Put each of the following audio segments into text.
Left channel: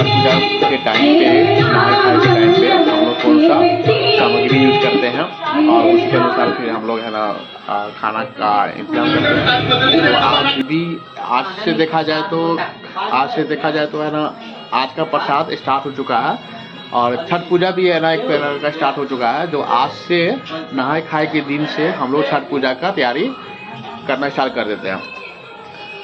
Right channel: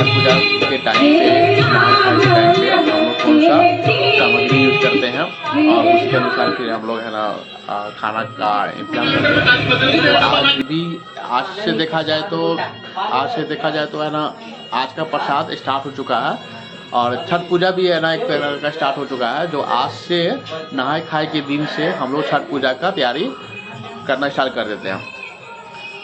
छठ पूजा के टाइम पे, नहाए खाए के टाइम पे हम लोग कौन सा सामग्री यूज करते हैं और उसके अनुसार फिर हम लोग है ना खाना का इंतजाम करते हैं। तो आज से देखा जाए तो है ना, आज का प्रसाद स्टार्ट हो चुका है और छठ पूजा भी है ना एक तरह का स्टार्ट हो चुका है। जो आज से नहाए खाए के दिन से हम लोग छठ पूजा का तैयारी करना स्टार्ट कर देते हैं।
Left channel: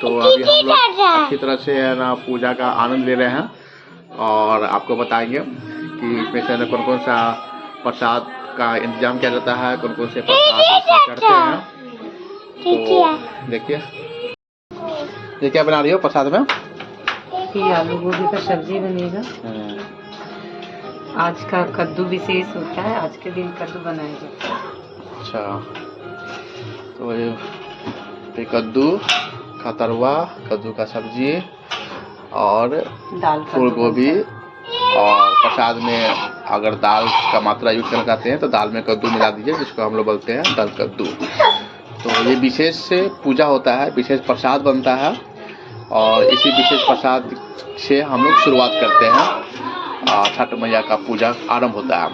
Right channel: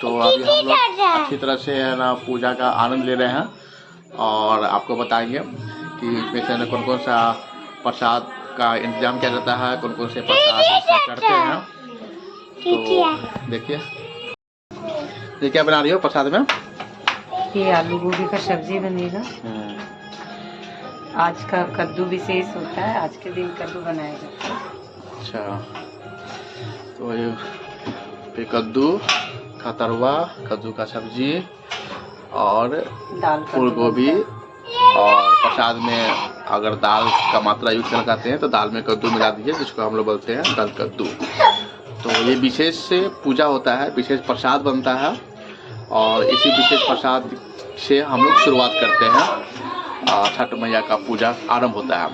तो अभी हम लोग अच्छी तरह से है ना पूजा का आनंद ले रहे हैं और आपको बताएंगे कि इसमें से कौन कौन सा प्रसाद का इंतजाम किया जाता है, कौन कौन से प्रसाद चढ़ते हैं। तो देखिए क्या बना रही हो प्रसाद में? ये आलू गोभी का सब्जी बनेगा। आज का कद्दू विशेष होता है, आज के दिन कद्दू बनाया जाता है। अच्छा, तो ये कद्दू का तरुआ, कद्दू का सब्जी और दाल फूल गोभी, और प्रसाद में अगर दाल का मात्रा यूज करना चाहते हैं तो दाल में कद्दू मिला दीजिए, जिसको हम लोग बोलते हैं दाल कद्दू। तो ये विशेष से पूजा होता है, विशेष प्रसाद बनता है और इसी विशेष प्रसाद से हम लोग शुरुआत करते हैं। छठ मैया का पूजा आरंभ होता है।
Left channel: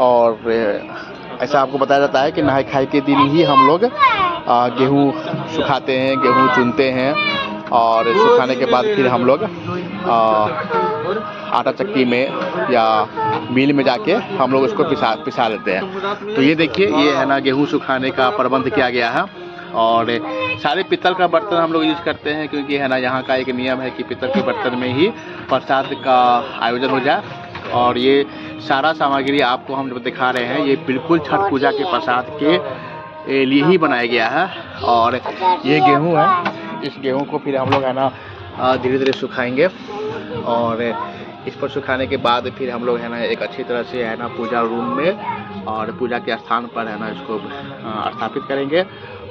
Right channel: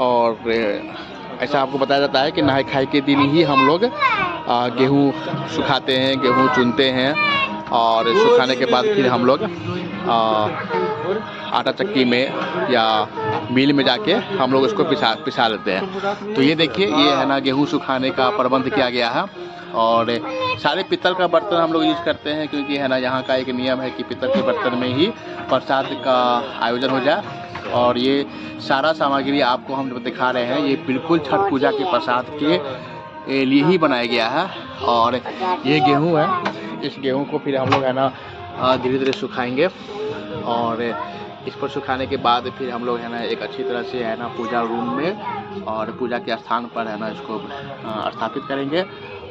और ऐसा आपको बताया जाता है कि नहाए खाए के दिन ही हम लोग गेहूँ सुखाते हैं, गेहूँ चुनते हैं और सुखाने के बाद फिर हम लोग आटा चक्की में या मिल में जाके हम लोग उसको पिसा लेते हैं। तो ये देखिए, ये है ना गेहूँ सुखाने का प्रबंध किया गया है और सारे पीतल का बर्तन हम लोग यूज़ करते हैं, क्योंकि है ना यहाँ का एक नियम है कि पीतल के बर्तन में ही प्रसाद का आयोजन हो जाए। और ये सारा सामग्री आपको हम जो दिखा रहे हैं ये बिल्कुल छठ पूजा के प्रसाद के लिए ही बनाया गया है। और ये गेहूँ है, इस गेहूँ को फिर हम लोग है ना धीरे धीरे सुखाएंगे और इस पर सुखाने के बाद फिर हम लोग है ना एक अच्छी तरह से है ना पूजा रूम में और पूजा के स्थान पर है ना इसको स्थापित करेंगे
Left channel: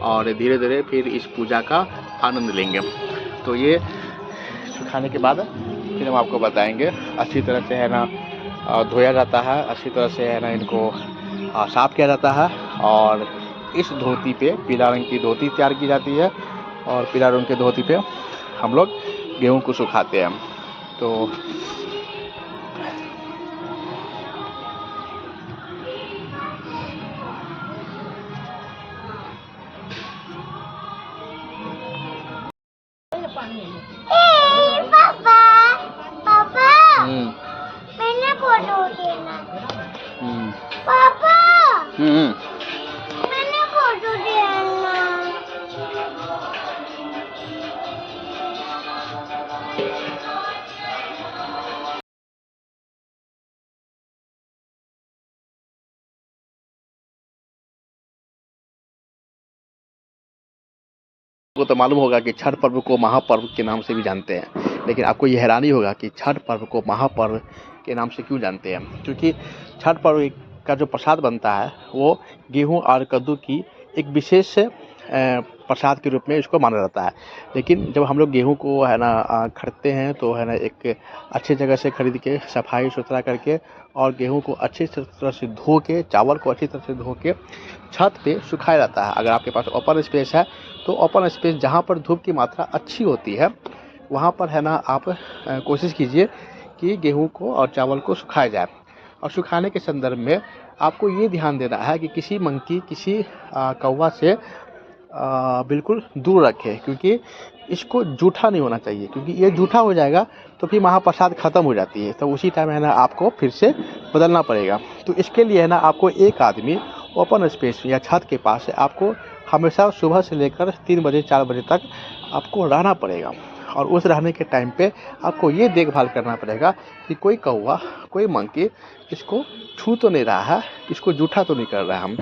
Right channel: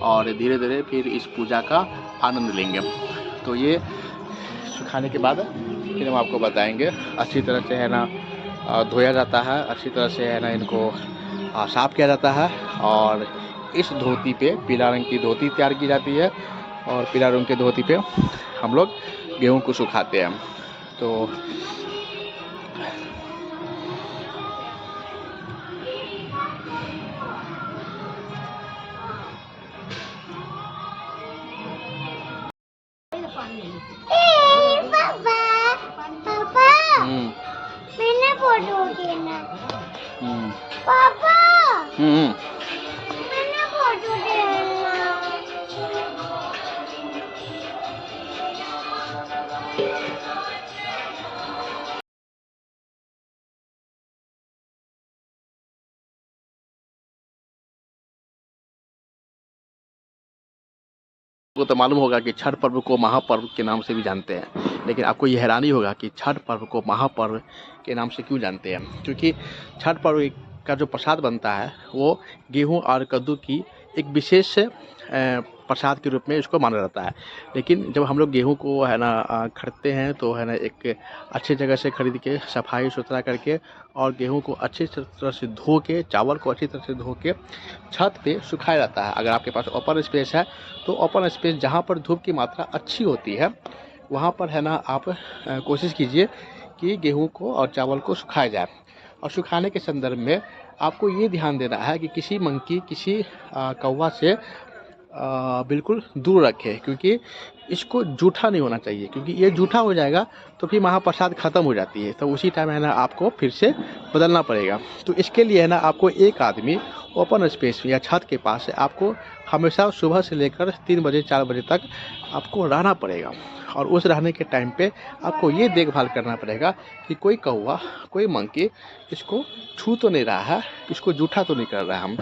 और धीरे धीरे फिर इस पूजा का आनंद लेंगे। तो ये सुखाने के बाद फिर हम आपको बताएंगे। अच्छी तरह से है ना धोया जाता है, अच्छी तरह से है ना इनको साफ़ किया जाता है और इस धोती पे पीला रंग की धोती तैयार की जाती है और पीला रंग के धोती पे हम लोग गेहूं को सुखाते हैं। तो मैंने फोटो देना। पापा मैंने फोटो देना। को तो मालूम होगा कि छठ पर्व को महापर्व के नाम से भी जानते हैं, लेकिन आपको ये हैरानी होगा कि छठ पर्व को महापर्व के नाम से क्यों जानते हैं। क्योंकि छठ पर्व का जो प्रसाद बनता है वो गेहूं और कद्दू की एक विशेष प्रसाद के रूप में इसको माना जाता है। लेकिन जब हम लोग गेहूं को है ना खरीदते हैं तो है ना एक अच्छी जगह से खरीद के सफाई सुथरा करके और गेहूं को अच्छी तरह से धो के, चावल को अच्छी तरह से धो के छत पे सुखाया जाता है। अगर आपके पास ओपन स्पेस है तो ओपन स्पेस जहाँ पर धूप की मात्रा अच्छी होती है वहाँ पर है ना आप कोशिश कीजिए कि गेहूं को और चावल को सुखाया जाए। और सुखाने के संदर्भ में आपको ये ध्यान देना है कि किसी मंकी, किसी कौवा से बिल्कुल दूर रखें, क्योंकि इसको जूठा नहीं होना चाहिए। क्योंकि ये जूठा हो जाएगा तो फिर महाप्रसाद ख़त्म हो जाती है, तो उसी टाइम है ना आपको फिर से बदलना पड़ेगा। तो इसके लिए है ना आपको एक आदमी ओपन स्पेस या छत के पास आपको हमेशा सुबह से लेकर 3 बजे 4 बजे तक आपको रहना पड़ेगा। और उस रहने के टाइम पे आपको ये देखभाल करना पड़ेगा कि कोई कौवा, कोई मंकी इसको छू तो नहीं रहा है, इसको जूठा तो नहीं कर रहा है हम।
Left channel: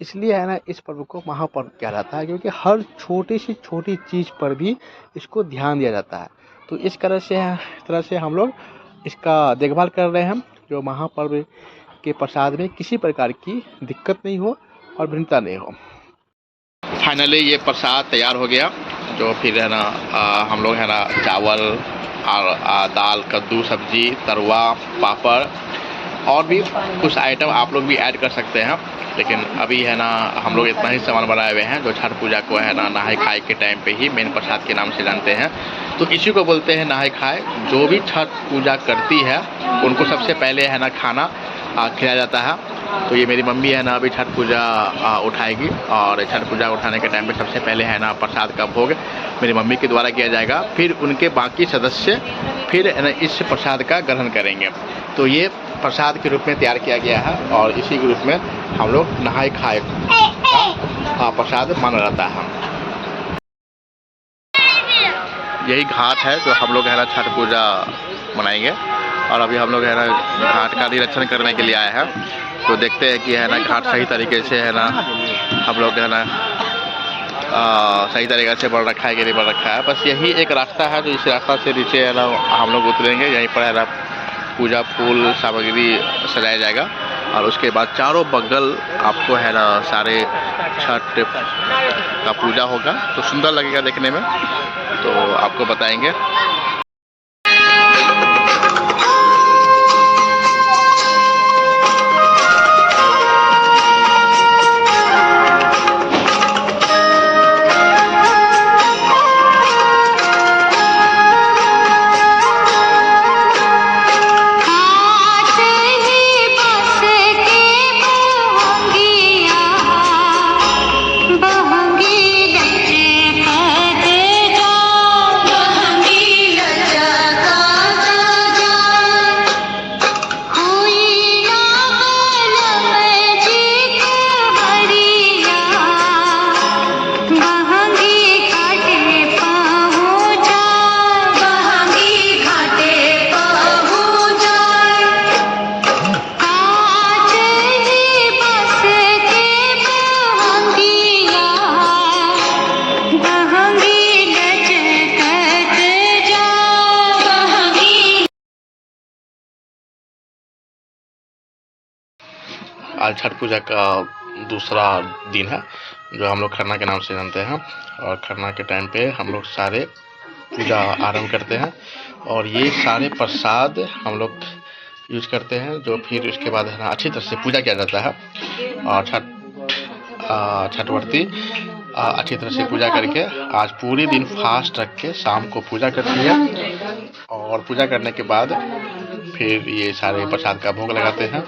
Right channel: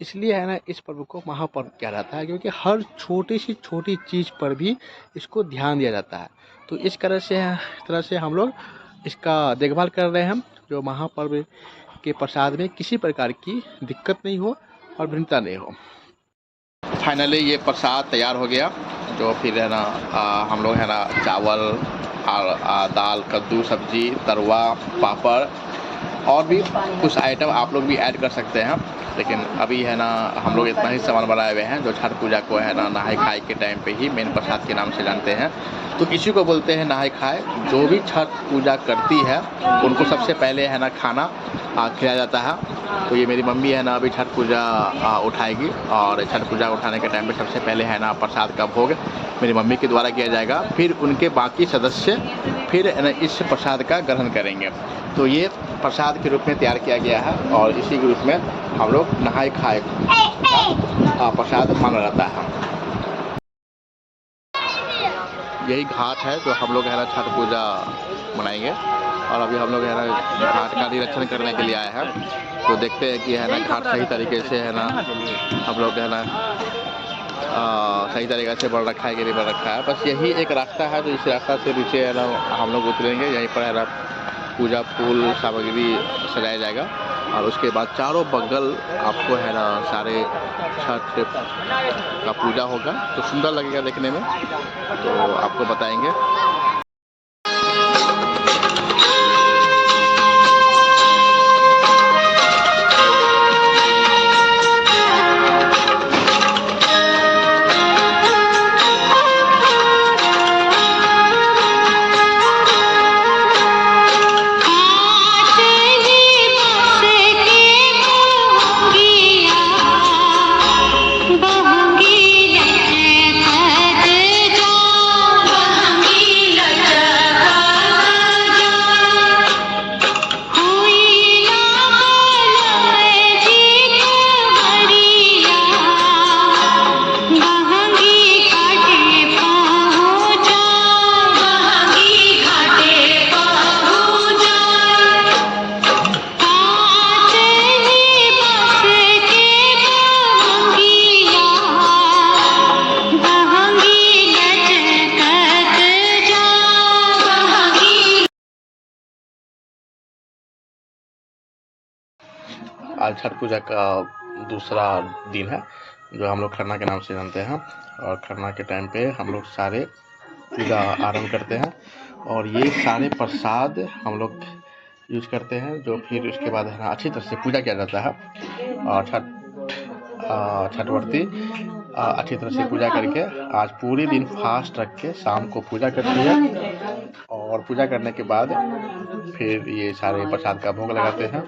इसलिए है ना इस पर्व को महापर्व कहा जाता है, क्योंकि हर छोटी सी छोटी चीज़ पर भी इसको ध्यान दिया जाता है। तो इस तरह से हम लोग इसका देखभाल कर रहे हैं, जो महापर्व के प्रसाद में किसी प्रकार की दिक्कत नहीं हो और भिन्नता नहीं हो। फाइनली ये प्रसाद तैयार हो गया, जो फिर है ना हम लोग है ना चावल और दाल, कद्दू, सब्जी, तरुआ, पापड़ और भी कुछ आइटम आप लोग भी ऐड कर सकते हैं, लेकिन अभी है ना हम लोग इतना ही सामान बनाए हुए हैं जो छठ पूजा को है ना नहाए खाए के टाइम पे ही मेन प्रसाद के नाम से जानते हैं। तो इसी को बोलते हैं नहाए खाए। जो भी छठ पूजा करती है उनको सबसे पहले है ना खाना खिलाया जाता है। तो ये मेरी मम्मी है ना अभी छठ पूजा उठाएगी, और छठ पूजा उठाने के टाइम पे सबसे पहले है ना प्रसाद का भोग मेरी मम्मी के द्वारा किया जाएगा। फिर उनके बाकी सदस्य फिर है ना इस प्रसाद का ग्रहण करेंगे। तो ये प्रसाद के रूप में तैयार किया गया है, और इसी के रूप में हम लोग नहाए खाए का प्रसाद माना जाता है। यही घाट है जो हम लोग है ना छठ पूजा मनाएंगे, और अभी हम लोग है ना घाट का निरीक्षण करने के लिए आए हैं। तो देखते हैं कि है ना घाट सही तरीके से है ना हम लोग है ना सही तरीके से बन रखा है कि नहीं बन रखा है। बस यही एक रास्ता है जो इस रास्ता से नीचे है ना हम लोग उतरेंगे। यहीं पर है ना पूजा फूल सामग्री सजाया जाएगा, और उसके बाद चारों बगल आपको है ना सारे छठ का पूजा होगा। तो सुंदर लगेगा देखने में, तो आपको बताएंगे। आज छठ पूजा का दूसरा दिन है जो हम लोग खरना के नाम से जानते हैं, और खरना के टाइम पे हम लोग सारे पूजा आरंभ करते हैं, और ये सारे प्रसाद हम लोग यूज करते हैं, जो फिर उसके बाद है ना अच्छी तरह से पूजा किया जाता है। और छठवर्ती अच्छी तरह से पूजा करके आज पूरे दिन फास्ट रख के शाम को पूजा करती है, और पूजा करने के बाद फिर ये सारे प्रसाद का भोग लगाते हैं,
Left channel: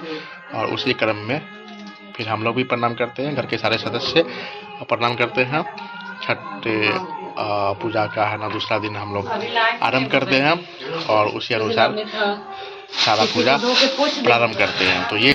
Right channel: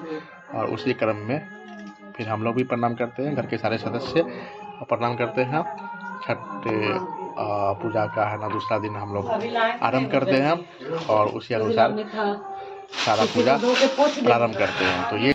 और उसी क्रम में फिर हम लोग भी प्रणाम करते हैं, घर के सारे सदस्य प्रणाम करते हैं। छठ पूजा का है ना दूसरा दिन हम लोग आरंभ करते हैं, और उसी अनुसार सारा पूजा प्रारंभ करते हैं। तो ये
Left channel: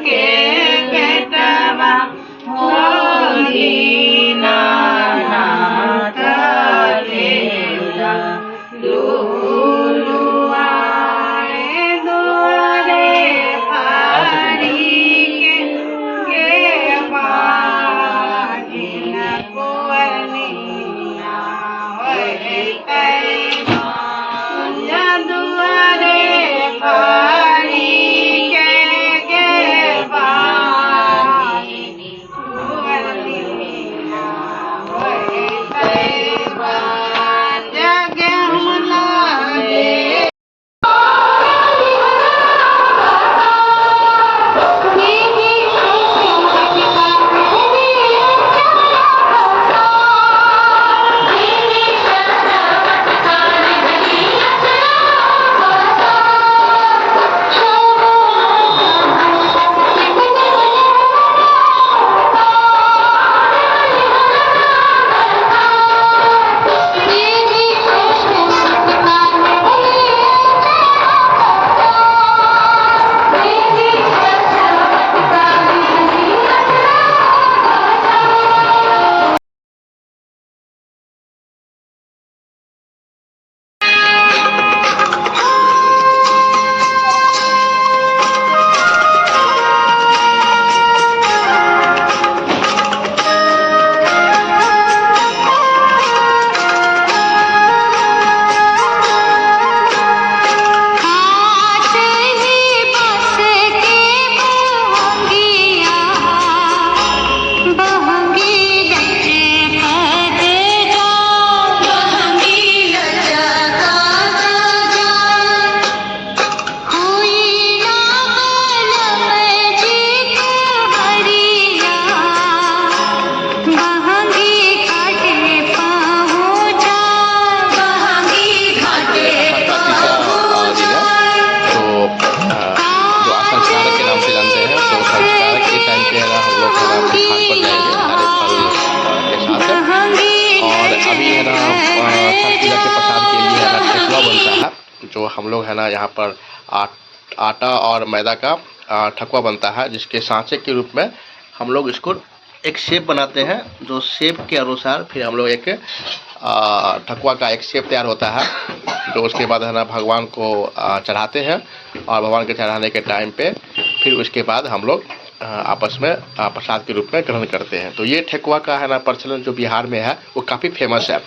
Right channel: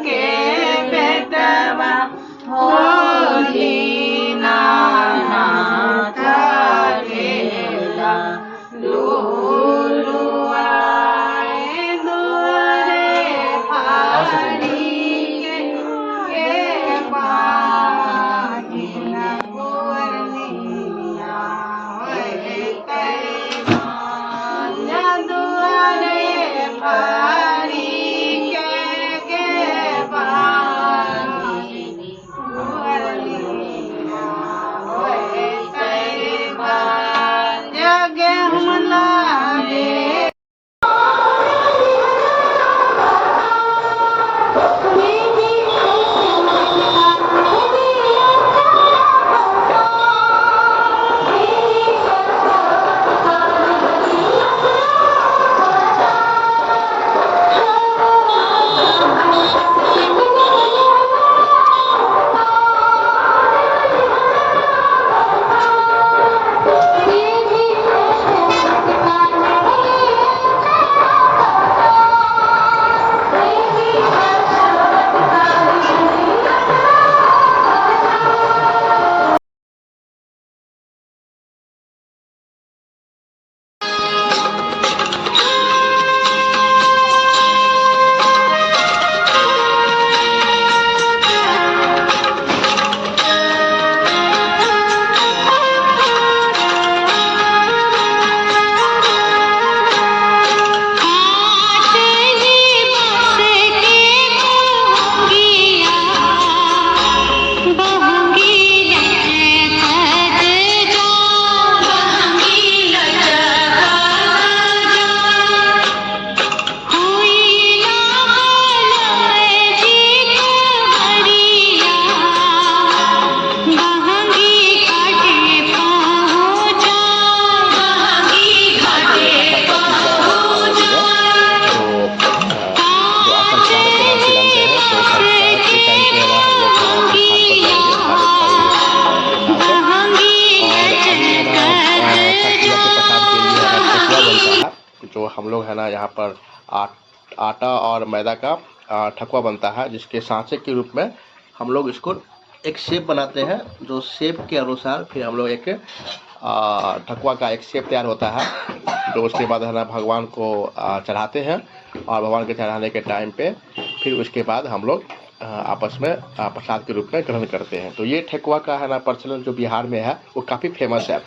के छठ पूजा के प्रसाद के लिए है ना ठेकुआ बनता है, जो हम लोग है ना यहाँ पर आटा और मैदा का ठेकुआ बनता है, जिसके सांचे के रूप में हम लोग इसको एक शेप बनाते हैं, जो शेप के अनुसार फिर हम लोग एक ठेकुआ का एक शेप तैयार होता है, जो उसके बाद है ना भगवान को चढ़ाते हैं, और भगवान के चढ़ाने के टाइम पे फिर उसके बाद हम लोग आपस में प्रसाद के रूप में ग्रहण करते हैं। तो ये ठेकुआ का है ना प्रचलन जो बिहार में है वो काफ़ी फेमस है,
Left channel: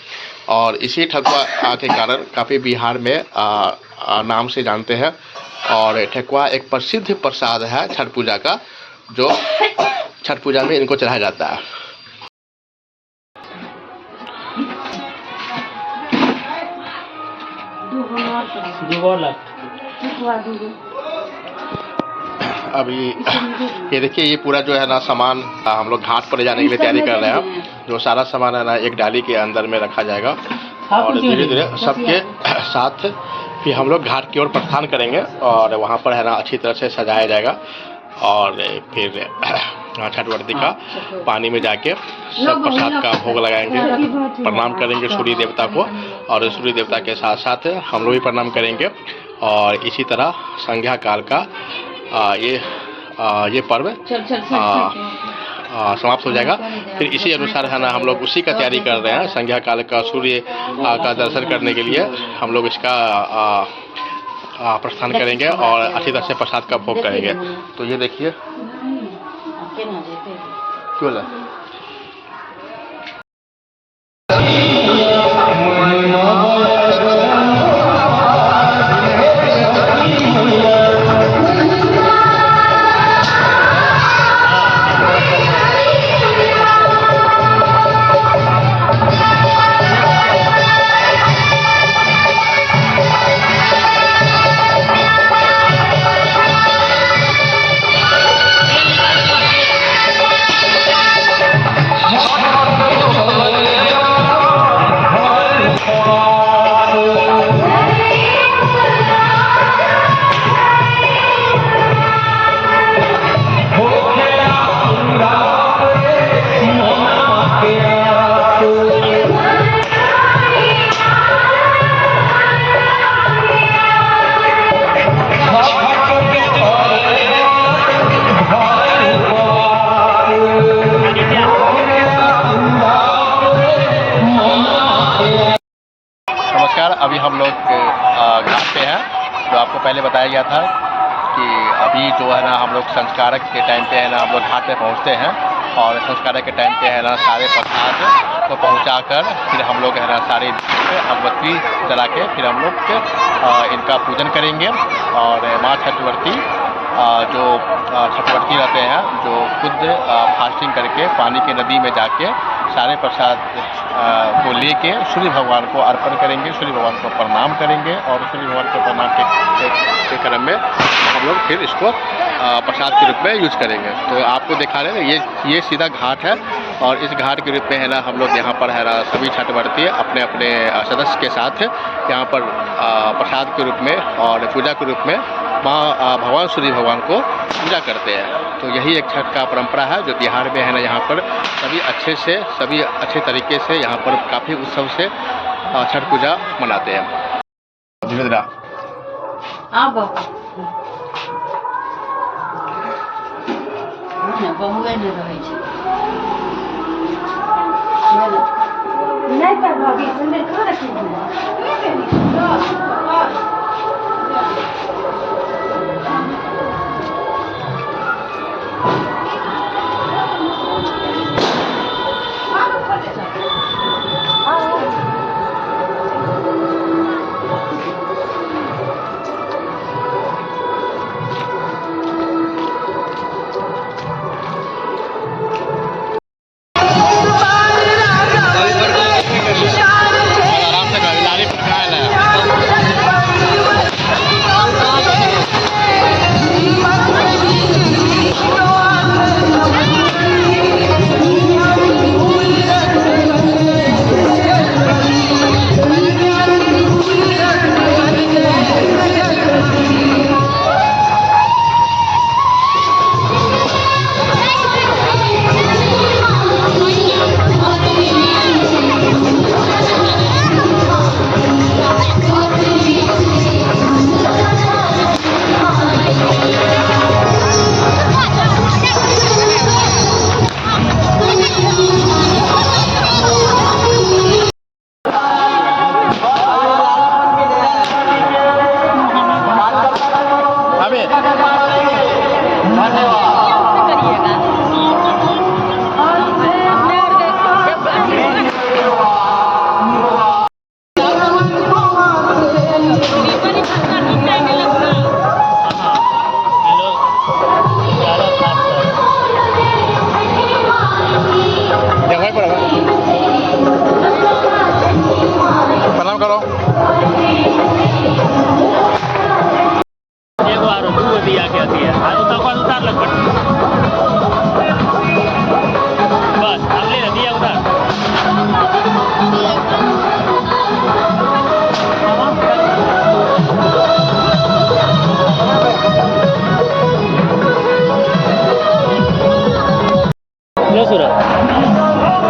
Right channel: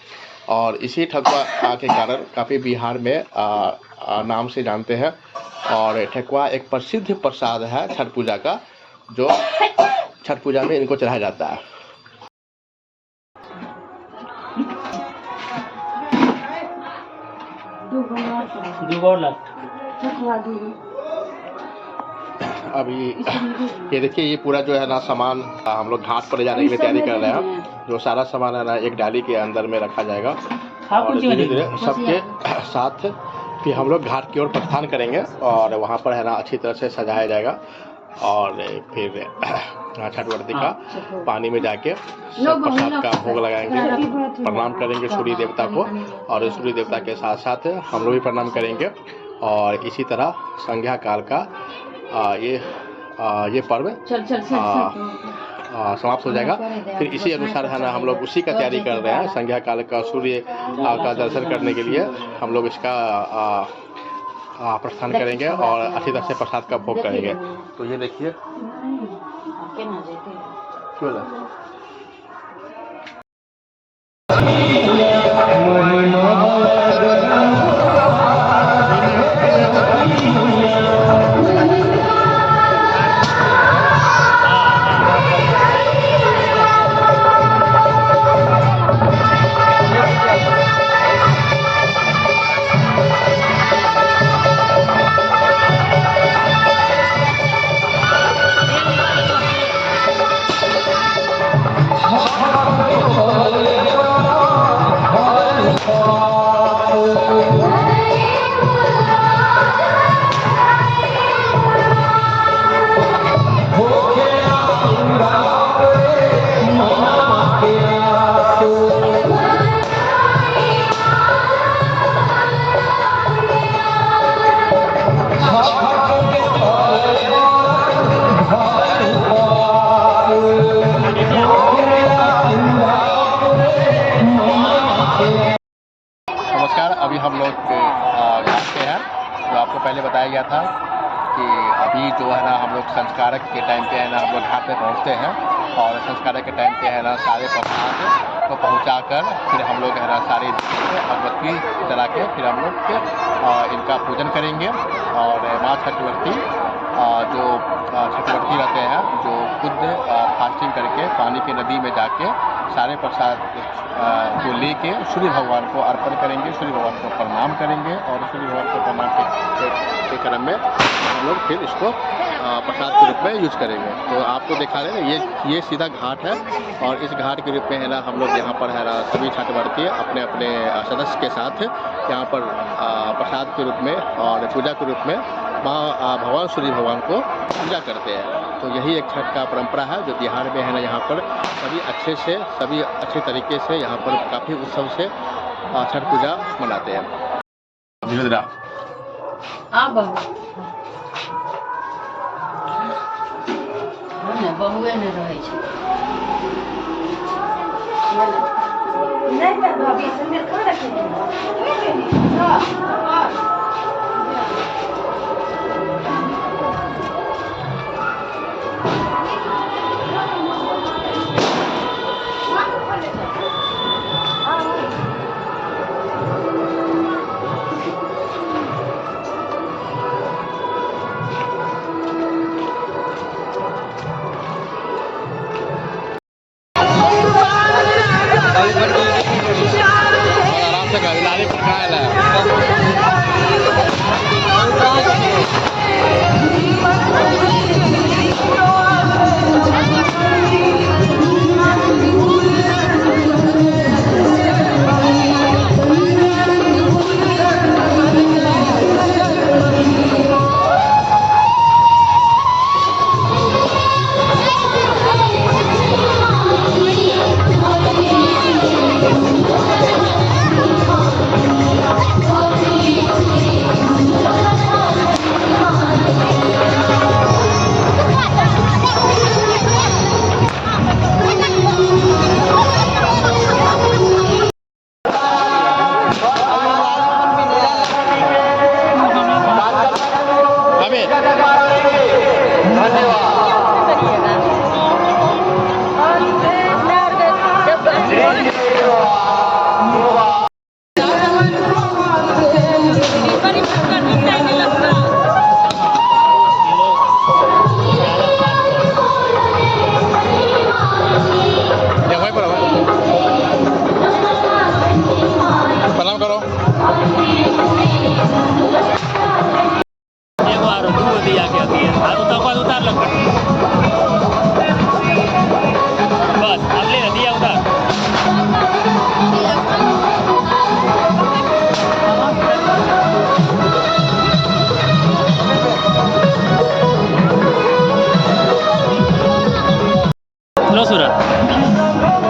और इसी ठेकुआ के कारण काफ़ी बिहार में नाम से जानते हैं। और ठेकुआ एक प्रसिद्ध प्रसाद है छठ पूजा का, जो छठ पूजा में इनको चढ़ाया जाता है। अभी ये देखिए, ये पूरा जो है ना सामान हम लोग घाट पर ले जाने के लिए तैयारी कर रहे हैं। जो सारा सामान है ना एक डाली के अंदर में रखा जाएगा, और धीरे धीरे सबके साथ फिर हम लोग घाट की ओर प्रस्थान करेंगे, और वहाँ पर है ना अच्छी तरह से सजाया जाएगा, और फिर छठ व्रती का पानी में जाके सब प्रसाद का भोग लगाएंगे, प्रणाम करेंगे सूर्य देवता को, और सूर्य देवता के साथ साथ हम लोग भी प्रणाम करेंगे। और इसी तरह संध्या काल का ये पर्व समाप्त हो जाएगा। फिर इसी अनुसार है ना हम लोग उसी का तैयारी कर रहे हैं। संध्या काल का सूर्य का दर्शन करने के लिए हम लोग इसका प्रस्थान करेंगे, और अच्छी तरह से प्रसाद का भोग करेंगे। तो ये देखिए क्यों ना अभी हम लोग घाट पे हैं। जो आपको पहले बताया गया था कि अभी जो है ना हम लोग संस्कारक के टाइम पे है ना हम लोग घाट पे पहुंचते हैं, और संस्कारक के टाइम पे है ना सारे प्रसाद को पहुंचाकर फिर हम लोग है ना सारे अगरबत्ती जला के फिर हम लोग इनका पूजन करेंगे। और माँ छठवर्ती जो छठवर्ती रहते हैं, जो खुद फास्टिंग करके पानी की नदी में जाके सारे प्रसाद को लेके सूर्य भगवान को अर्पण करेंगे, सूर्य भगवान को प्रणाम करेंगे, और सूर्य भगवान को प्रणाम के क्रम में हम लोग फिर इसको प्रसाद के रूप में यूज करेंगे। तो आपको दिखा रहे हैं ये सीधा घाट है, और इस घाट के रूप में है ना हम लोग यहाँ पर है ना सभी छठवर्ती अपने अपने सदस्य के साथ यहाँ पर प्रसाद के रूप में और पूजा के रूप में माँ भगवान सूर्य भगवान को पूजा करते हैं। तो यही एक छठ का परंपरा है जो बिहार में है ना, यहाँ पर सभी अच्छे तरीके से यहाँ पर काफ़ी उत्सव से छठ पूजा मनाते हैं। धीरे धीरे बहुए नहीं रहे आराम से करो एगो आरो दूगो दिया के दिया आरो तक बाद उतार लग पड़ी बस अब ले दिया उतार लो सूरज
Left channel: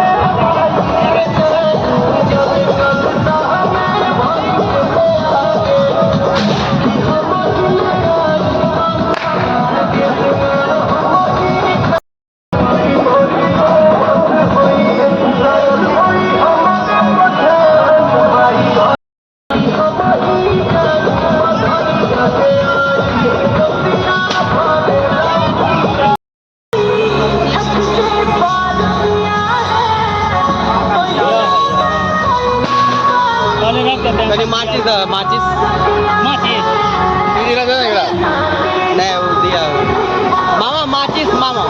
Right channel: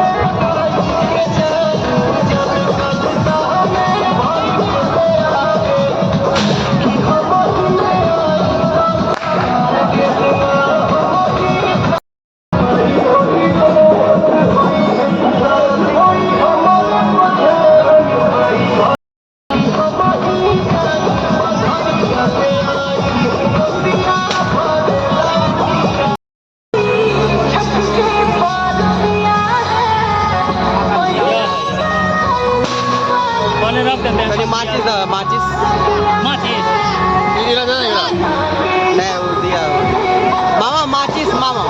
वाले रख देते हैं माचिस माचिस माचिस दीदी ना देना नहीं वो दिया मामा माचिस मामा